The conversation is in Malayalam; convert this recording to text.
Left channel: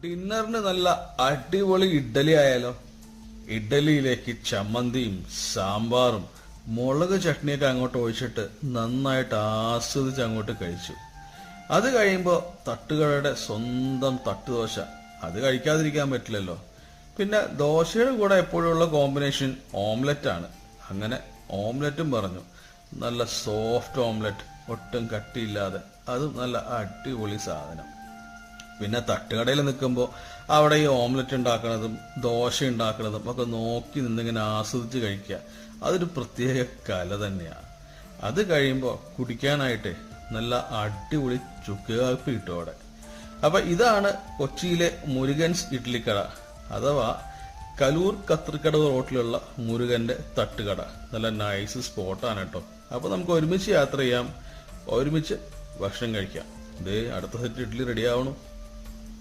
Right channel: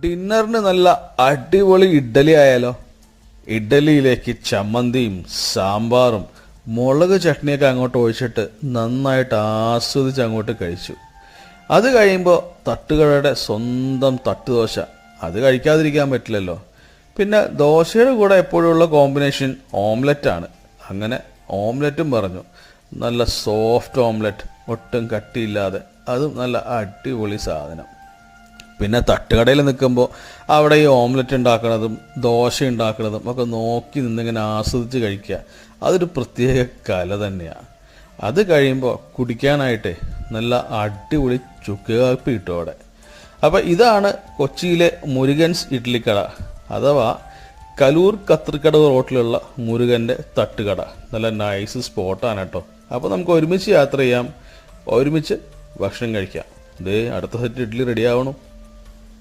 ഡിന്നറിന് നല്ല അടിപൊളി ഇഡ്ഡലി ആയാലോ. ഇഡ്ഡലിയിലേക്ക് ചമ്മന്തിയും സാമ്പാറും മുളക് ചട്നിയൊക്കെ അങ്ങോട്ട് ഒഴിച്ചിട്ട് നന്നായിട്ട് ആസ്വദിച്ച് അങ്ങോട്ട് കഴിച്ചു. അത് കഴിയുമ്പോൾ തട്ടുകടയുടെ സ്വന്തം തട്ടുദോശ, അത് കഴിക്കാതിരിക്കാൻ പറ്റില്ലല്ലോ. പിന്നെ ദോശയുടെ കൂടെ എപ്പോഴുള്ള കോമ്പിനേഷൻ ഓംലെറ്റാണ്. അങ്ങനെ ഓംലെറ്റും പറഞ്ഞു. നല്ല സോഫ്റ്റ് ഓംലെറ്റ്, ഒട്ടും കട്ടിയില്ലാതെ, അതും നല്ല അടിപൊളി സാധനം. പിന്നെ തട്ടുകടയിൽ നിൽക്കുമ്പോൾ അവിടെ ഈ ഓംലെറ്റ് ഉണ്ടാക്കുന്നതും ദോശ ഉണ്ടാക്കുന്നതും ഒക്കെ നോക്കി നിന്നിങ്ങനെ ആസ്വദിച്ച് കഴിക്കുക, അതൊരു പ്രത്യേക കല തന്നെയാണ്. അത് കഴിയുമ്പോൾ കുടിക്കാനായിട്ട് നല്ല അടിപൊളി ചുക്ക് കാപ്പി കിട്ടും അവിടെ. അപ്പം ഇതാണ് കൊച്ചിയിലെ മുരുകൻസ് ഇഡ്ഡലിക്കട, അഥവാ കലൂർ കത്രിക്കട റോട്ടിലുള്ള മുരുകൻ്റെ തട്ടുകട. നല്ല നൈസ് സ്പോട്ടാണ് കേട്ടോ. അപ്പോൾ നമുക്ക് ഒരുമിച്ച് യാത്ര ചെയ്യാം, ഒരുമിച്ച് ഭക്ഷണം കഴിക്കാം. അടുത്ത സെറ്റ് ഇഡ്ഡലി റെഡി ആവണം.